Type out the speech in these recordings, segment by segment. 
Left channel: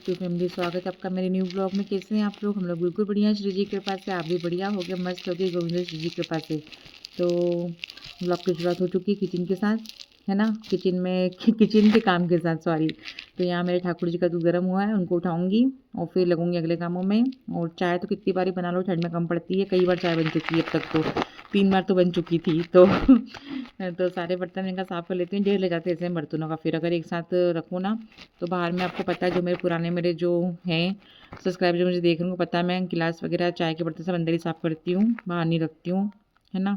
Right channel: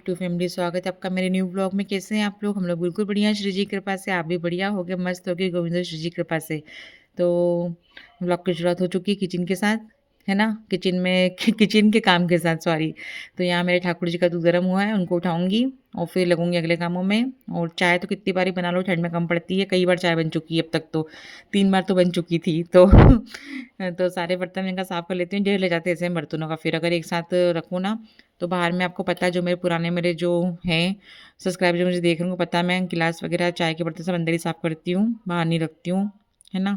YouTube family, स्वागत है आपका मेरे न्यू ब्लॉग में। कैसे हैं आप लोग? हम लोग बिल्कुल बढ़िया हैं श्री जी की कृपा से। आप भी बढ़िया हो गए, मस्त हो गए गोविंद श्री जी की कृपा से। तो ब्लॉग की शुरुआत हो चुकी है किचन के साथ, है ना। किचन में किचन के काम के साथ, सॉरी। तो यहाँ मेरे ठाकुर जी का दूध गर्म हुआ है, उनको उठाऊंगी और फिर लगूंगी अगले कामों में। और चाय तो कितनी बारी बना लो, ठंड में कम पड़ती है। कई बार चाय बन चुकी है अब तक, तो 3 बार तो बन चुकी थी। तो तो सारे बर्तन इनका साफ़ कर लेती हूँ, ढेर ले जाते हैं ऐसे बर्तनों का। फिर अगर एक साथ रखूँ ना, तो बाहर में आपको पता है जो मेरे पुराने मेरे जो हैं सब्सक्राइबर जो मुझे देख रहे हैं उनको पता है, मैं गिलास वगैरह चाय के बर्तन सब अंदर ही साफ़ करती हूँ, बाहर नहीं रखती हूँ, है ना।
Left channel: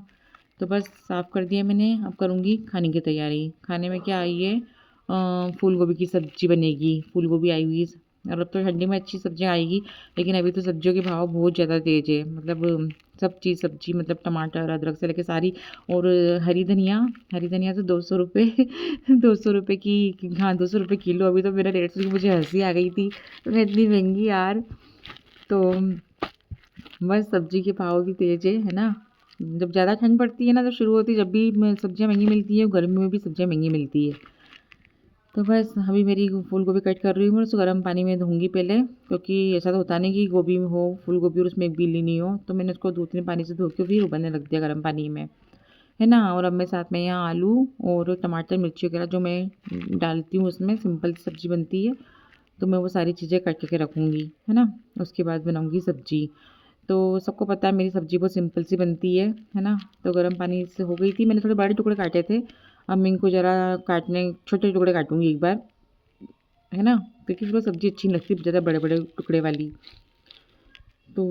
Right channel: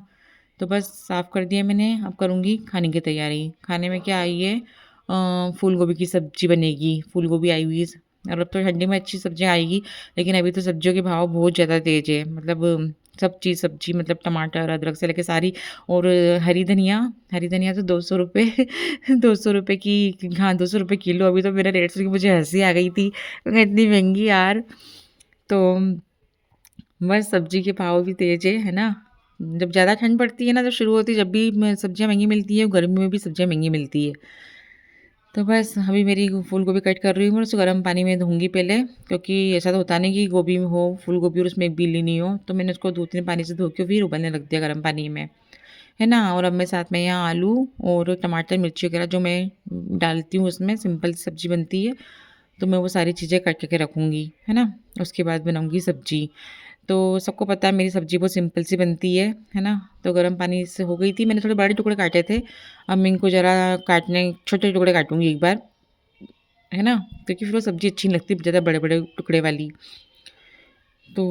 तो बस साफ़ कर दिया मैंने। अब करूँगी खाने की तैयारी। खाने में क्या आई है, फूल गोभी की सब्ज़ी बनेगी। फूल गोभी आई हुई है और अब तो ठंडी में अच्छी सब्जियाँ आएगी। लेकिन अभी तो सब्जियों के भाव बहुत ज़्यादा तेज़ है, मतलब सब चीज़ सब्जी, मतलब टमाटर अदरक से लेके सारी। और हरी धनिया तो 200 रुपये 200 रुपये की, हाँ 200 रुपये किलो। अभी तो मेरा रेट सुन के मुझे हंसी आ गई थी, मैं इतनी महंगी यार। तो बस सब्जी के भाव भी तेज़ है ना। जब ज़्यादा ठंड पड़ती है ना, तो शुरू होती है जब भी सब्जियाँ महंगी मिलती है, गर्मी में भी सब्जियाँ महंगी मिलती है। तो बस अभी मेरी फूल गोभी कट कर रही हूँ मैं, उसको गर्म पानी में धोऊंगी पहले, क्योंकि ऐसा तो होता नहीं कि गोभी में हो फूल गोभी और उसमें एक भी नहीं हो। तो मैंने उसको 2-3 पानी से धो के फिर उबलने रख दिया गर्म पानी में, है ना। और अब मैं साथ में यहाँ आलू और टमाटर मिर्ची वगैरह जो मैं डालती हूँ उसमें, सिंपल सी सब्ज़ी बनती है। तो मैं वो सारी चीज़ें काट के रखूँगी, है ना। उसके बाद बनाऊँगी सब्ज़ी। तो सबको पता है मेरी सब्ज़ी बहुत सिंपल सी बनती है ना। तो गर्म पानी से हो गई थी, मैंने थोड़े बड़े टुकड़े काटे थे। अब मैं इनको ज़रा काटने छोटे टुकड़े काटूँगी एक बार, है ना। क्योंकि फिर वो सब्ज़ी अच्छी नहीं लगती ज़्यादा बड़े-बड़े टुकड़े वाली। तो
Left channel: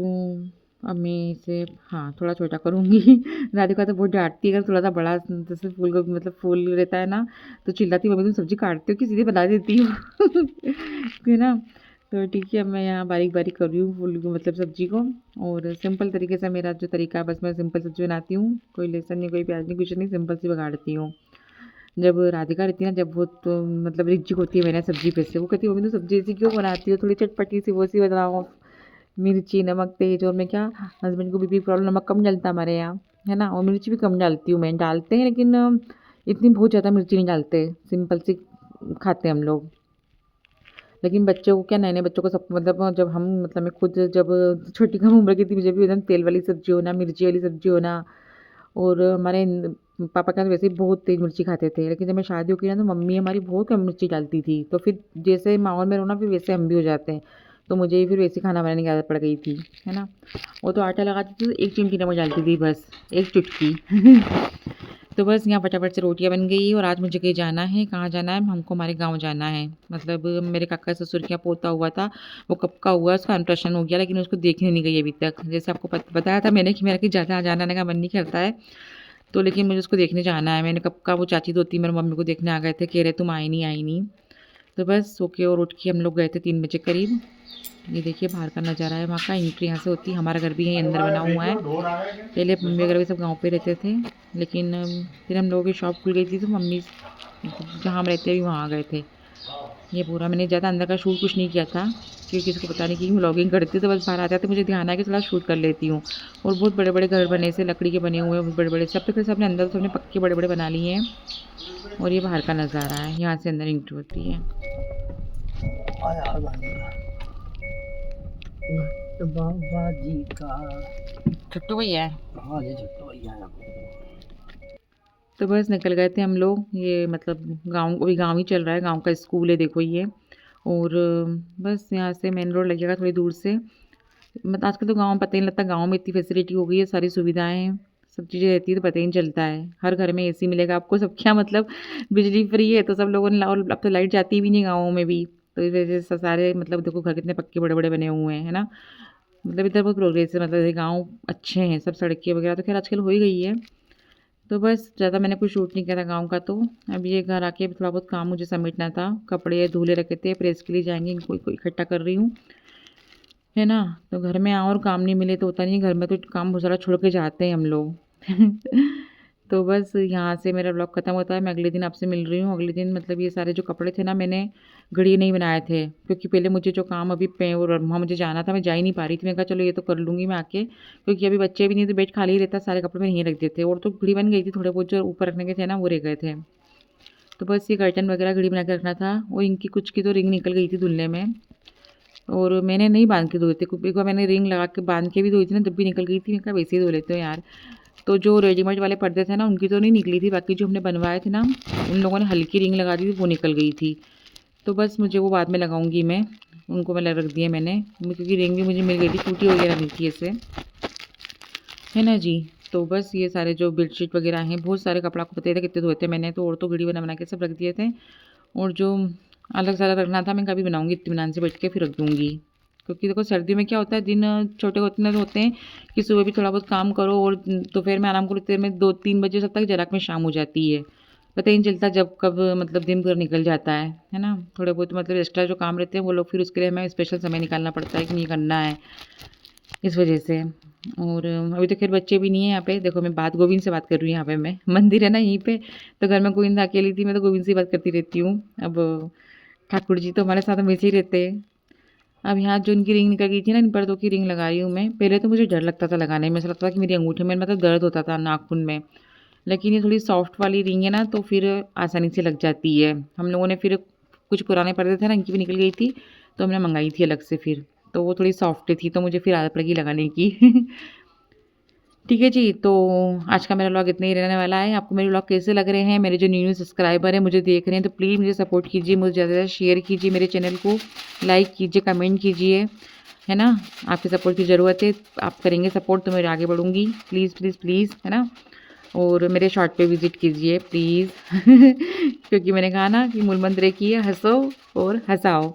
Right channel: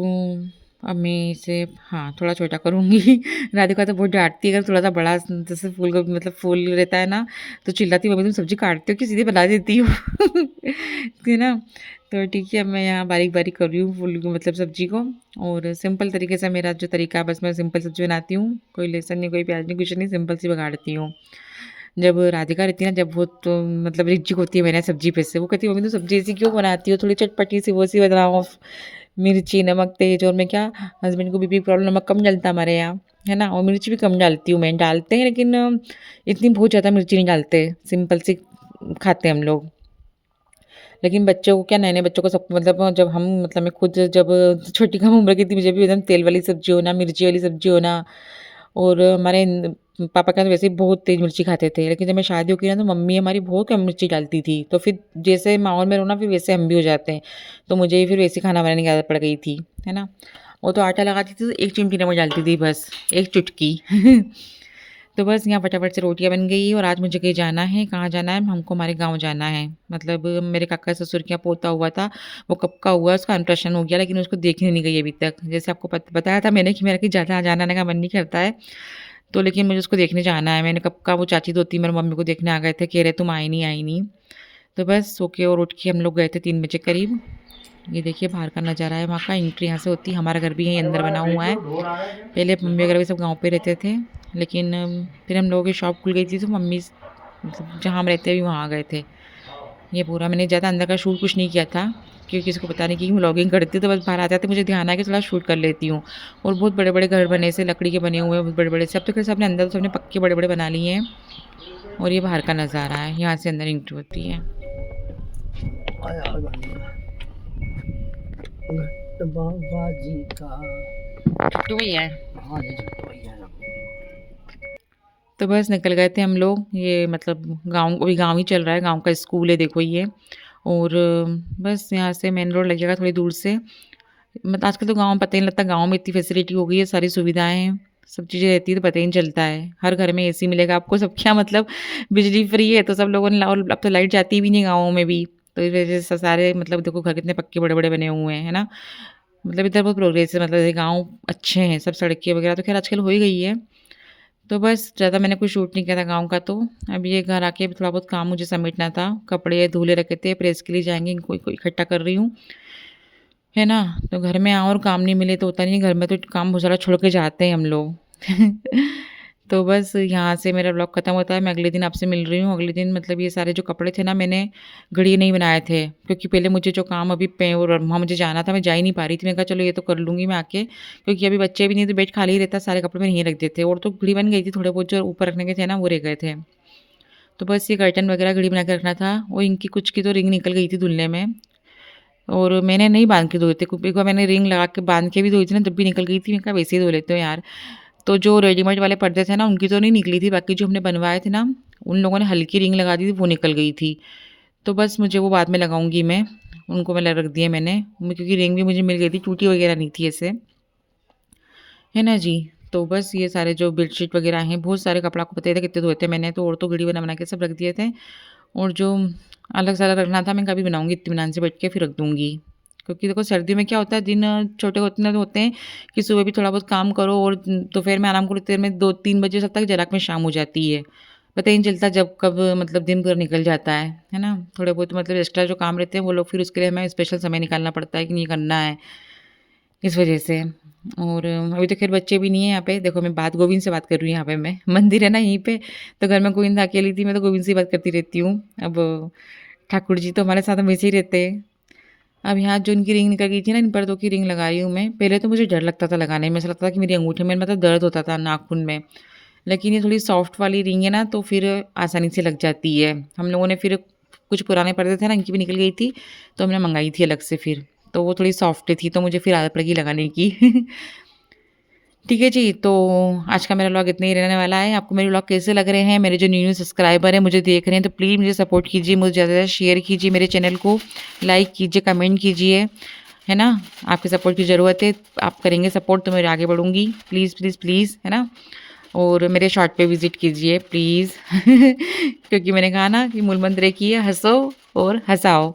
अब मैं इसे, हाँ, थोड़ा छोटा करूँगी। राधिका तो बहुत डाँटती है अगर थोड़ा-सा बड़ा जैसे फूल गोभी मतलब फूल रहता है ना, तो चिल्लाती है, "मम्मी तुम सब्ज़ी काटती हो कि सीधे बना देती हो?" है ना। तो ठीक है, अब मैं यहाँ बारीक-बारीक कर रही हूँ फूल मतलब सब्ज़ी को। और सिंपल तरीके से मेरा जो तरीका है, बस मैं सिंपल सब्ज़ी बनाती हूँ। कोई लहसुन नहीं, कोई प्याज़ नहीं, कुछ नहीं, सिंपल सी बघाड़ती हूँ। जब राधिका रहती है ना, जब वो तो मतलब रिच्ची होती है मेरे सब्ज़ी पे से, वो कहती है, "मम्मी तुम सब्ज़ी ऐसी क्यों बनाती हो? थोड़ी चटपटी सी वो सी बनाओ। मिर्ची, नमक तेज़।" और मैं क्या, हस्बैंड को बीपी प्रॉब्लम, नमक कम डलता हमारे यहाँ, है ना। और मिर्च भी कम डालती हूँ मैं। डालते हैं लेकिन इतनी बहुत ज़्यादा मिर्ची नहीं डालते, सिंपल सी खाते हैं हम लोग। लेकिन बच्चों को क्या, नए-नए बच्चों को सब मतलब जब हम मतलब मैं खुद जब छोटी कम उम्र की थी, मुझे भी एकदम तेल वाली सब्ज़ी होना, मिर्ची वाली सब्ज़ी होना। और हमारे पापा क्या तो वैसे ही बहुत तेज़ मिर्ची खाते थे। लेकिन जब मैं शादी हो गई ना, तो मम्मी हमारी बहुत कम मिर्ची डालती थी। तो फिर जैसे माहौल में रहो ना, फिर वैसे हम भी हो जाते हैं। तो मुझे भी फिर वैसे खाना बनाने की आदत पड़ गई थी, है ना। वो तो आटा लगाती थी तो 1 चिमटी नमक डालती थी बस, 1 चुटकी। तो बस यहाँ फटाफट से रोटियाँ बन गई। और आज मुझे कहीं जाना है, कहाँ जाना है, हमको हमारे गाँव जाना है। मतलब मेरे काका ससुर के यहाँ पोता हुआ था, वो कब का हुआ, उसका अन्नप्राशन हो गया, लेकिन उसको देखने नहीं गई अभी तक। जैसे आपको बताया था मैंने कि मेरा कि ज़्यादा जाना आने का मन नहीं करता है। तो लेकिन मुझे उसको देखने जाना है। मैंने कब का, वो चाची दोती मेरी मम्मी को देखने आ गए थे, कह रहे तुम आई नहीं, आई नहीं। तो बस सो के और उठ के हम लोग गए थे 3 बजे करीब। ये देखिए बाहर का नज़ारा है, वहाँ का एंट्री यहाँ से होती है। हमारा घर भी यहीं अंदर बना हुआ है। पहले मम्मी वगैरह भी सब गाँव पे रहते थे, लेकिन फिर हम लोगों की शॉप खुल गई थी, तो मम्मी मतलब जहाँ हम रहते हैं अभी वहाँ गए थे। ये पूरा मैंने ज़्यादा अंदर का शूट कुछ नहीं किया था, क्योंकि किसी को पता नहीं कि व्लॉगिंग करती हूँ, तो बस बाहर आ जाते मुझे ध्यान आया कि थोड़ा शूट कर लेती हूँ। और बहुत बड़े-बड़े घर बने से, लकड़ी के बने हुए हैं बहुत बड़े-बड़े से। अब तो खैर सबने अंदर तो सबने पक्के बड़े-बड़े बना लिए हैं। और ये बाहर का नज़ारा है, यहाँ से अंदर एंट्री होती है। बाबा जी का। छुट्टू भैया है। हाँ जी, छोटू भैया है। तो बस निकल गए थे हम लोग। ये मतलब गाँव, अभी गाँव ही चल रहा है, गाँव का स्कूल है देखो ये। और बस यहाँ से मेन रोड लगेगा थोड़ी दूर से। मतलब आजकल तो गाँव में पता ही नहीं लगता, गाँव में इतनी फैसिलिटी हो गई है, सारी सुविधाएँ हैं, सब चीज़ें रहती है तो पता ही नहीं चलता है। हर घर में एसी मिलेगा आपको, सब क्या मतलब बिजली फ्री है, तो सब लोगों ने और अब तो लाइट जाती भी नहीं गाँवों में भी। तो इस वजह से सारे मतलब देखो घर कितने पक्के बड़े-बड़े बने हुए हैं, है ना? मतलब इधर बहुत प्रोग्रेस है, मतलब ये गाँव अच्छे हैं, सब सड़कें वगैरह तो खैर आजकल हो ही गई है। तो बस ज़्यादा मैंने कुछ शूट नहीं किया था गाँव का तो। अब ये घर आके थोड़ा बहुत काम मुझे समेटना था। कपड़े धुले रखे थे, प्रेस के लिए जाएँगे, इनको इनको इकट्ठा कर रही हूँ, है ना। तो घर में आओ और काम नहीं मिले तो होता नहीं है, घर में तो काम बहुत सारा छोड़ के जाते हैं हम लोग। तो बस यहाँ से मेरा ब्लॉग खत्म होता है। मैं अगले दिन आपसे मिल रही हूँ। अगले दिन मतलब ये सारे जो कपड़े थे ना, मैंने घड़ी नहीं बनाए थे, क्योंकि पहले मुझे जो काम अभी पे और वहाँ मुझे जाना था, मैं जा ही नहीं पा रही थी। मैंने कहा चलो ये तो कर लूँगी मैं आके, क्योंकि अभी बच्चे भी नहीं, तो बेड खाली ही रहता, सारे कपड़े मैंने यहीं रख दिए थे। और तो घड़ी बन गई थी, थोड़े बहुत जो ऊपर रखने के थे ना वो रह गए थे। तो बस ये कर्टन वगैरह घड़ी बना के रखना था। और इनकी कुछ की तो रिंग निकल गई थी धुलने में। और मैंने नहीं बांध के धोए थे, क्योंकि एक बार मैंने रिंग लगा के बांध के भी धोई थी ना, तब भी निकल गई थी। मैंने कहा वैसे ही धो लेते हो यार। तो जो रेडीमेड वाले पर्दे थे ना, उनकी तो नहीं निकली थी, बाकी जो हमने बनवाए थे ना, उन लोगों ने हल्की रिंग लगा दी थी, वो निकल गई थी। तो बस मुझे वो बाद में लगाऊंगी मैं, उनको मैं रख दिए मैंने, क्योंकि रिंग भी मुझे मिल गई थी, टूटी वगैरह नहीं थी ऐसे, है ना जी। तो बस ये सारे जो बेडशीट वगैरह हैं, बहुत सारे कपड़ा, को पता ही था कितने धोए थे मैंने, तो और तो घड़ी बना के सब रख दिए थे। और जो अलग से अलग रखना था, मैं कभी बनाऊंगी इत्मीनान से बैठ के फिर रख दूंगी। क्योंकि देखो सर्दी में क्या होता है, दिन छोटे होते हैं कि सुबह भी थोड़ा बहुत काम करो और दोपहर में आराम करो, इतने में 2-3 बजे तक जराक में शाम हो जाती है। पता ही नहीं चलता जब कब मतलब दिन भर निकल जाता है ना। थोड़े बहुत मतलब एक्स्ट्रा जो काम रहते हैं वो लोग, फिर उसके लिए हमें स्पेशल समय निकालना पड़ता है कि नहीं करना है, इस वजह से। और अभी तो खैर बच्चे भी नहीं है यहाँ पे। देखो मैं बात गोविंद से बात कर रही हूँ यहाँ पे, मैं मंदिर है ना यहीं पे, तो घर में गोविंद अकेली थी, मैं तो गोविंद से ही बात करती रहती हूँ। अब ठाकुर जी तो हमारे साथ हमेशा ही रहते हैं। अब यहाँ जो इनकी रिंग निकल गई थी ना, इन पर्दों की रिंग लगा रही हूँ मैं। पहले तो मुझे डर लगता था लगाने में, ऐसा लगता था कि मेरी अंगूठे में मतलब दर्द होता था नाखून में। लेकिन ये थोड़ी सॉफ्ट वाली रिंग है ना, तो फिर आसानी से लग जाती है। हम लोगों ने फिर कुछ पुराने पर्दे थे ना, इनकी भी निकल गई थी, तो हमने मंगाई थी अलग से फिर। तो वो थोड़ी सॉफ्ट थी, तो मुझे फिर आदत लगी लगाने की। ठीक है जी, तो आज का मेरा व्लॉग इतना ही रहने वाला है। आपको मेरे व्लॉग कैसे लग रहे हैं? मेरे जो न्यू सब्सक्राइबर हैं मुझे देख रहे हैं, तो प्लीज़ मुझे सपोर्ट कीजिए, मुझे ज़्यादा से ज़्यादा शेयर कीजिए, मेरे चैनल को लाइक कीजिए, कमेंट कीजिए, है ना। आपकी सपोर्ट की ज़रूरत है। आप करेंगे सपोर्ट तो मैं आगे बढ़ूँगी। प्लीज़ प्लीज़ प्लीज़, है ना। और मेरे शॉर्ट पे विज़िट कीजिए प्लीज़। क्योंकि मैंने कहा ना कि मूल मंत्र एक ही है, हँसो और हँसाओ।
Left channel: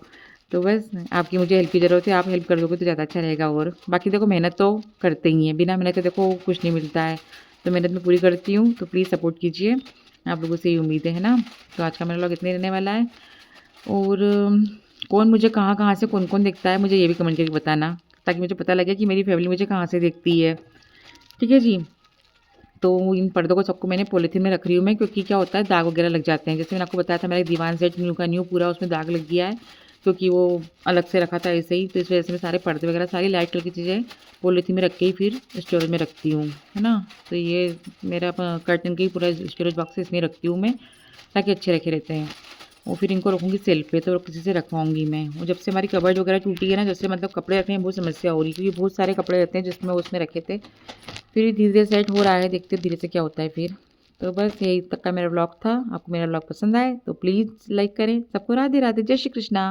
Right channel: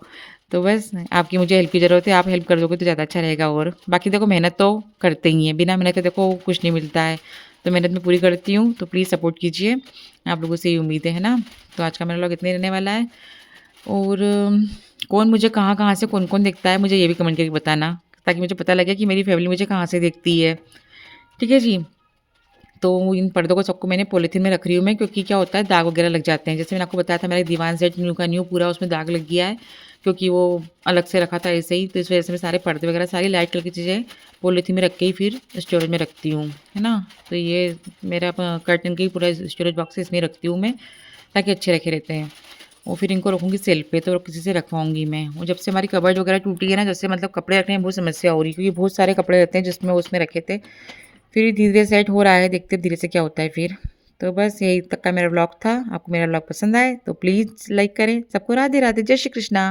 तो बस आपकी मुझे हेल्प की ज़रूरत है, आप हेल्प कर दोगे तो ज़्यादा अच्छा रहेगा। और बाकी देखो मेहनत तो करते ही हैं, बिना मेहनत के देखो कुछ नहीं मिलता है। तो मेहनत मैं पूरी करती हूँ, तो प्लीज़ सपोर्ट कीजिए, आप लोगों से ये उम्मीद है ना। तो आज का मेरा व्लॉग इतना ही रहने वाला है। और कौन मुझे कहाँ-कहाँ से कौन-कौन देखता है, मुझे ये भी कमेंट करके बताना, ताकि मुझे पता लगे कि मेरी फैमिली मुझे कहाँ से देखती है। ठीक है जी? तो इन पर्दों को सबको मैंने पॉलीथीन में रख रही हूँ मैं, क्योंकि क्या होता है दाग वगैरह लग जाते हैं। जैसे मैंने आपको बताया था, मेरा दीवान सेट न्यू का न्यू पूरा उसमें दाग लग गया है, क्योंकि वो अलग से रखा था ऐसे ही। तो इस वजह से मैं सारे पर्दे वगैरह सारी लाइट कलर की चीज़ें पॉलीथीन में रख के ही फिर स्टोरेज में रखती हूँ, है ना। तो ये मेरा कर्टन का ही पूरा स्टोरेज बॉक्स है, इसमें रखती हूँ मैं, ताकि अच्छे रखे रहते हैं। और फिर इनको रखूँगी सेल्फ पे, तो किसी से रखवाऊँगी मैं। और जब से हमारी कबर्ड वगैरह टूटी है ना, जैसे मतलब कपड़े रखने में बहुत समस्या हो रही है, क्योंकि बहुत सारे कपड़े रहते हैं जिसमें उसमें रखे थे। फिर धीरे-धीरे सेट हो रहा है, देखते हैं धीरे से क्या होता है फिर। तो बस यही तक का मेरा व्लॉग था। आपको मेरा व्लॉग पसंद आए तो प्लीज़ लाइक करें। सबको राधे राधे, जय श्री कृष्णा।